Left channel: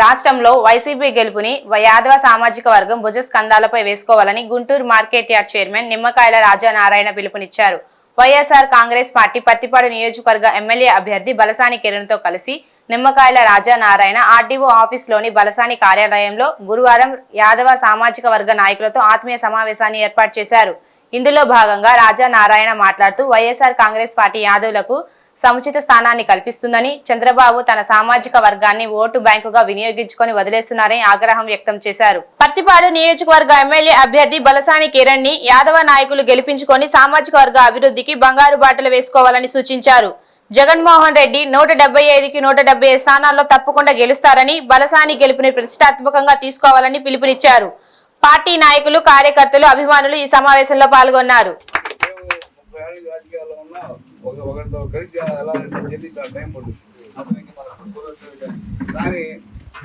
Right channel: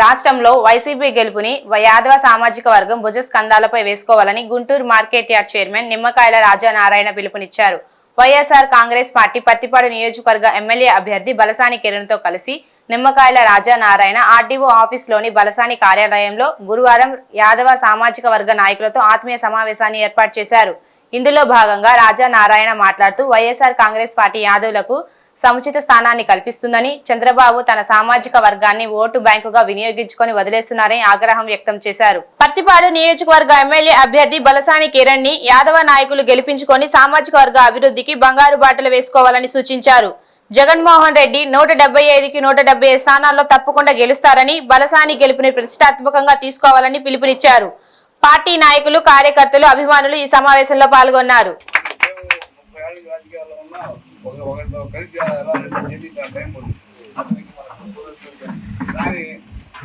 రాష్ట్రంలో వైసీపీ గెలుపుని యాదవ సామాజిక వర్గం భుజస్కంధాలపై వేసుకోవాలని గుంటూరు మార్కెట్ యార్డ్ చైర్మన్ నిమ్మకాయల రాజానారాయణ పిలుపునిచ్చారు. వైఎస్ఆర్ కాంగ్రెస్ పార్టీ పత్తిపాడు నియోజకవర్గ ఎమ్మెల్యే అభ్యర్థి బలసాని కిరణ్తో కలిసి నిమ్మకాయల రాజానారాయణ ఆర్డీఓ ఆఫీస్లోని బలసాని కార్యాలయంలో గురువారం యాదవ సామాజిక వర్గ నాయకులతో ఆత్మీయ సమావేశాన్ని ఏర్పాటు చేశారు. ఇందులో భాగంగా రాజా నారాయణ మాట్లాడుతూ వైఎస్ఆర్ కాంగ్రెస్ పార్టీ యాదవులకు సముచిత స్థానాన్ని కల్పిస్తుందని చంద్రబాబు తన సామాజిక వర్గాన్ని ఓటు బ్యాంకుగా వినియోగించుకొని వదిలేస్తున్నారని ఆగ్రహం వ్యక్తం చేశారు. పత్తిపాడు నియోజకవర్గ ఎమ్మెల్యే అభ్యర్థి బలసాని కిరణ్ని యాదవ నాయకులు గెలిపించుకొని సామాజిక వర్గ అభివృద్ధికి బంగారు బాటలు వేసుకోవాలని సూచించారు. జగన్మోహన్ రెడ్డి నూట డెబ్బై ఐదుకి నూట డెబ్బై ఐదు స్థానాల్లో తప్పకుండా గెలుస్తారని బలసాని గెలుపుని ప్రతిష్టాత్మకంగా తీసుకోవాలని పిలుపునిచ్చారు. పార్టీ నాయకులు కార్యకర్తలు అభిమానులు ఈ సమావేశంలో పాల్గొన్నారు ముప్పై ఏళ్ళ రాజకీయాల్లో ఉన్నా ఒక ఒకరితో కలిసి ఎలా చెల్లించాలి టైం పడుతుంది అతనికి మనకు కానీ.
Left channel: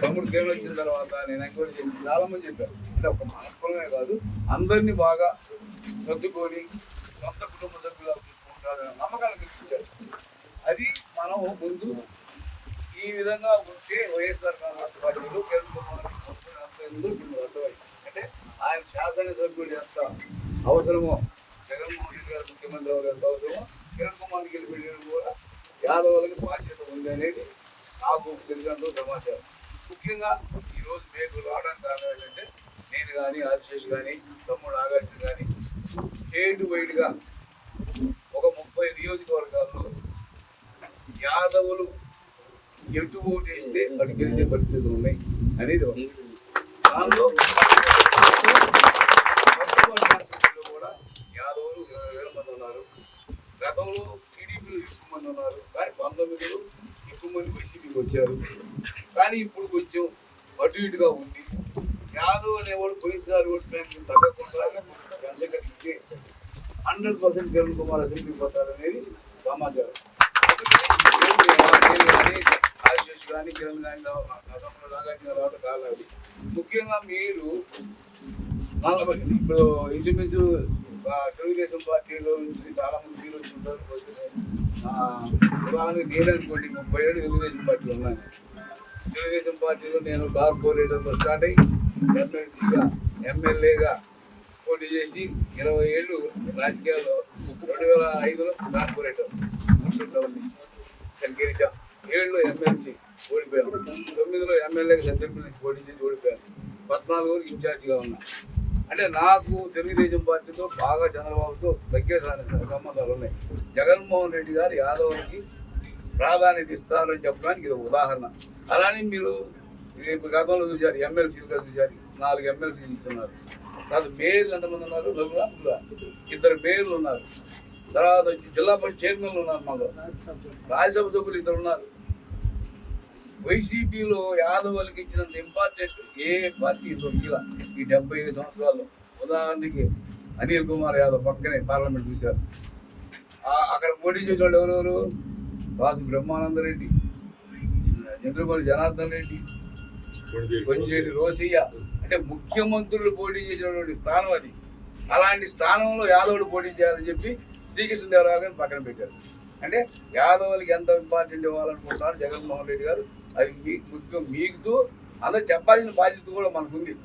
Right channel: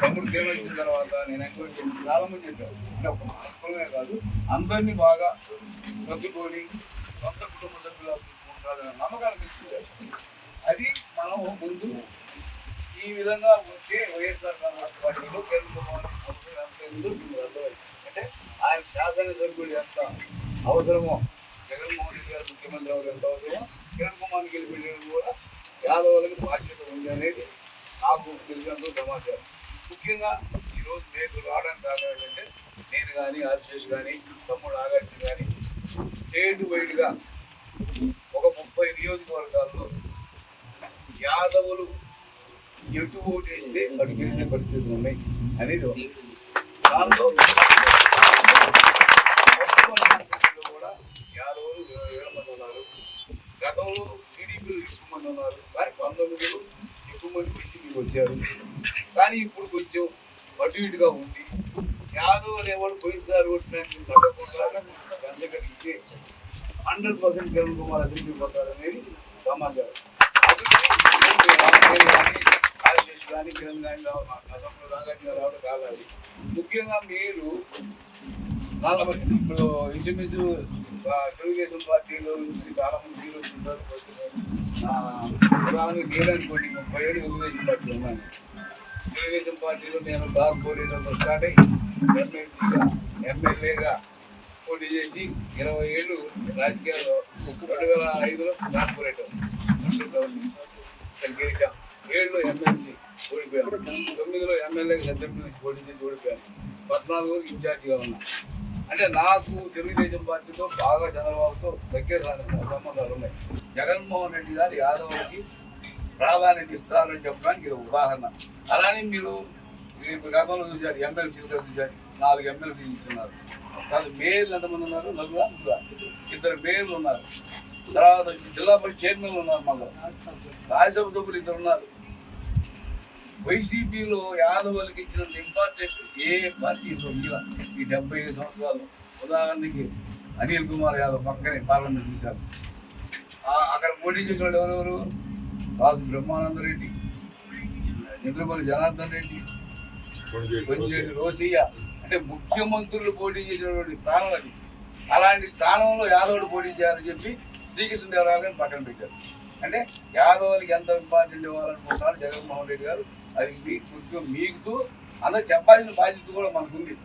తమ్ముడు సేవ వచ్చిన తర్వాత నేను ఎంక్వైరీ చేసి చాలా మంది చెప్పారు. అంటే ఒక మనస్పరమే కాదు అందరినీ బాగా సర్దుకొని సొంత కుటుంబ సభ్యులు ఉంటారని నమ్మకాన్ని కల్పించారు అది మనం ముందు ఈ విధంగా ఉంటే వైఎస్ఆర్ కాంగ్రెస్ పార్టీలో కేంద్ర అంటే ఆయన శాసనసభ్యుడు ఎంత అవసరమో జగన్మోహన్ రెడ్డి గారు ముఖ్యమంత్రి అవడం ఎంత అవసరమో కిరణ్ కుమార్ గెలిపించడం కూడా యాదవులకు బాధ్యత ఉంది అనేది నాకు తెలిసినంత సమాచారం. ముఖ్యంగా ఈరోజు నేను రావడానికి కారణం ఏంటంటే నేను కానీ ఆశేష్ కానీ తమ్ముడు ఆగార్జున కానీ స్టేట్ వైడ్గా ఒక ముప్పై నియోజకవర్గాల్లో యాదవులు ఎటు ఓటు వేస్తే వాడు గెలిచే పరిస్థితులు ఉన్నాయి అనేది దానిలో పశ్చిమ కాన్స్టిట్యూన్సీలో కూడా యాదవులు ఇరవై వేల మంది ఉన్నారు గతంలో మంది ఉన్నారు. కానీ పంతొమ్మిదిలో ఎక్కువ మంది వైసీపీకి వచ్చారు. కానీ ఇప్పుడు కొంచెం అటు ఇటుగా ఉంది. యాదవ్ ఎవరు పోయినసారి ఓటు తగ్గకుండా జనసంఖ్య hundred percent Kiran Kumar assembly పోతారనేది సమాచారం. నేను కానీ కానీ కిరణ్ కానీ అసెంబ్లీ నాగార్జున రావడం కాలాలి ముఖ్యంగా మీరు నలభై ఇప్పుడు ఇంచుమించు తెలుగుదేశం పార్టీలో నుంచి చాలా మంది ఉంటారు. ఉదాహరణకు నేను అనుకోండి ముప్పై ఏడు తెలుగుదేశం పార్టీలు ఉన్నాను. తెలుగుదేశం పార్టీలో నేను కార్పొరేటర్తో స్టార్ట్ అయ్యి ఎమ్మెల్సీగా ఎమ్మెల్యేగా పోటీ చేసి ఇరవై ఏళ్ళు రాజకీయాల్లో రెండు వేల ఐదులో కార్పొరేటర్ గుంటూరు గవర్నమెంట్ ఇక్కడ గెలిచాం. ఏడులో ఎమ్మెల్సీ ఓడిపోయాను తొమ్మిదిలో ఎమ్మెల్యేగా సంతృప్తి నుంచి పోటీ చేసి ఓడిపోయాను. పద్నాలుగు వరకు ఇన్ఛార్జిగా ఉన్నా. అంటే నాకు తెలుగుదేశం పార్టీతో బాగా చంద్రబాబుతో దగ్గర సంబంధాలు ఉన్నాయి. జగన్మోహన్ రెడ్డి గారు యాదవులకి ప్రాధాన్యత ఇస్తారని చెప్పడానికి ఇది ఉదాహరణ. అలానే మీరు గతంలో చూశారు ఎమ్మెల్సీలుగా చూశారు నాలుగు ఎమ్మెల్సీలు ఇస్తున్నారు కాదు మేయర్లు ఎంతమంది ఉన్నారు? నలుగురా? ముగ్గురా? ఇద్దరు మేయర్లు ఉన్నారు. తర్వాత వచ్చి జిల్లా పరిషత్ చైర్మన్లు ఉన్నారు మళ్ళీ రాజ్యసభ సభ్యులు ఇద్దరు ఉన్నారు. వైసీపీలో యాదవులకి ఇచ్చినంత ఇంపార్టెంట్ ఏ పార్టీ దొరికిలా ఈ డెబ్బై ఐదు సంవత్సరాలు. ఉదాహరణకి అనిల్ కుమార్ యాదవ్ పక్కనే పార్లమెంట్ చూశారు. అక్కడ పోటీ చేసిన వాళ్ళు ఎవరెవరు? రాజు బ్రహ్మానంద రెడ్డి చంద్రబాబు జనార్దన్ రెడ్డి కొంజేటి రోసయ్య అంటే ముఖ్యమంత్రులు పోటీ చేసినటువంటి స్థానం అది. అలాంటి స్థానంలో యాదవుడు పోటీ చేయాలని చెప్పి శ్రీకృష్ణదేవరాయలు గారిని పక్కన పెట్టారు. అంటే యాదవులకి ఎంత ఇంపార్టెంట్ ఇవ్వాలనుకుంటున్నారు జగన్మోహన్ రెడ్డి గారు? అది మీ- ముఖ్యం మీకు. అందరు చెప్పాల్సిన బాధ్యత కూడా మనకుంది.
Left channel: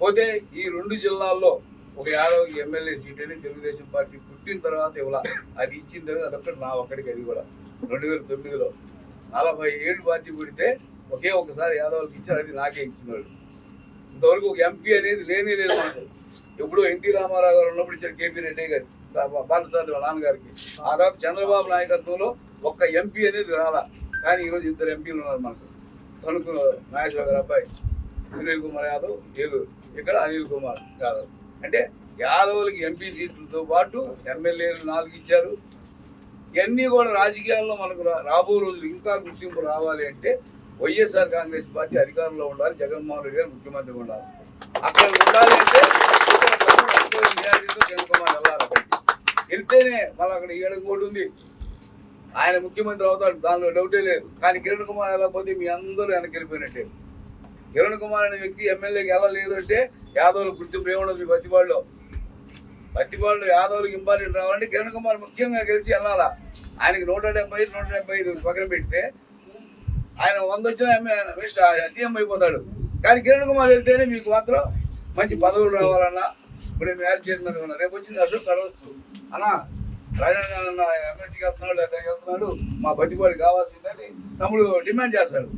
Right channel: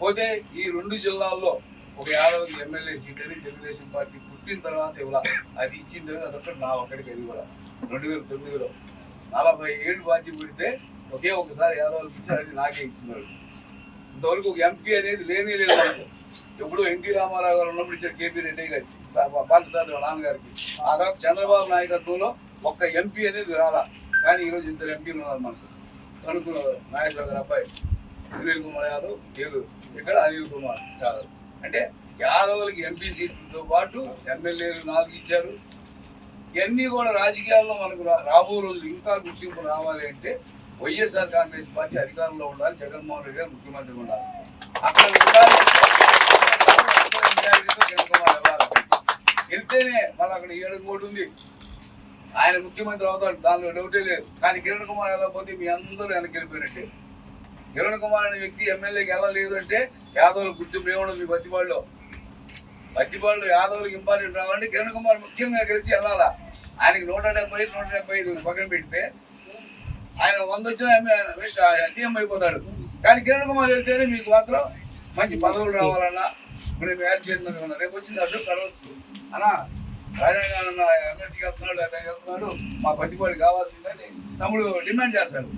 పోతే ఈ రెండు జిల్లాల్లో ఒక యాదవ్కి ఎమ్మెల్యే సీట్ అని తెలుగుదేశం పార్టీ పుట్టిన తర్వాత ఇవ్వాల. అది ఇచ్చిన తర్వాత అదొక్కటి నా ఒక్కడికి అది కూడా రెండు వేల తొమ్మిదిలో నలభై ఏడు పార్టీ పుడితే ఒకే ఒకసారి యాదవులకు ఇచ్చారని నాకే ఇచ్చినాడు. ఇంతవరకు ఒక ఎంపీ అనేది లేనే లేదు మాకు. ఎప్పుడో ఎన్టీ రామారావు గారు ఉన్నప్పుడు ఇచ్చారు కేపీ రెడ్డి గారి. బాలసారి వాళ్ళ నాన్నగారికి. ఆ తర్వాత చంద్రబాబు నాయకత్వంలో ఒక్క ఎంపీ అనేది రాలా. కానీ ఈరోజు ఇద్దరు ఎంపీలు ఉన్నారు మాకు. తణుకు నాగేశ్వర గారు అబ్బాయి. సునీల్ కుమార్ యాదవ్ వీళ్ళు ఇక్కడ అనిల్ కుమార్ యాదవ్ అంటే యాదవులకి ఎంపీ సీట్లతో పాటు ఎమ్మెల్యేలు నాలుగు ఇచ్చారు. ఇవన్నీ కూడా రాజకీయాల్లో మనకు రాబో రోజులు ఇంకా గుర్తింపు రావాలి అంటే వైఎస్ఆర్ కాంగ్రెస్ పార్టీ అధికారంలో ఉండాలి. జగన్మోహన్ రెడ్డి గారు ముఖ్యమంత్రి ఉండాలి. అక్కడ ఉండాలంటే కుమార్ వెళ్ళాలి. వెళ్తేనే మళ్ళీ అక్కడ ఏడుగు ఉంది. ఆయన ముఖ్యమంత్రి అవుతాడు. దానిలో డౌటే లేదు. కానీ కిరణ్ కుమార్ వెళ్ళకపోతే మీ అందరూ వెనక్కి వెళ్ళిపోయినట్టే. కిరణ్ కుమార్ అనే వ్యక్తి ఎమ్మెల్యేకి వెళ్ళలేదు అంటే యాదవులు గుర్తింపు ఏముండదు మీ బతిపాడులో బతిపాడులో యాదవులకు ఇంపార్టెంట్ రావాలంటే కిరణ్ కుమార్ ముఖ్యంగా గెలిచి వెళ్ళాలా? ఆయనకి నూట డెబ్బై ఐదు నూట డెబ్బై ఐదు పక్కన పెడితే ఆయన వంద వచ్చిన సీఎం అయిపోతాడు. కానీ కిరణ్ కుమార్ వెళ్తేనే మీకు మాత్రం మంచి పదవులు రావాలన్నా ఇప్పుడు మేము యాడ్ చైర్మన్ ఉన్నా రేపు వచ్చింది అశోక్ అడవచ్చు అన్నా రాజాన్న ఎమ్మెల్సీకి వెళ్తున్నాడు అతను వెళ్తున్నాడు. మా పట్టిపాడు కావాల్సిందని తమ్ముడు డిమాండ్ చేస్తాడు.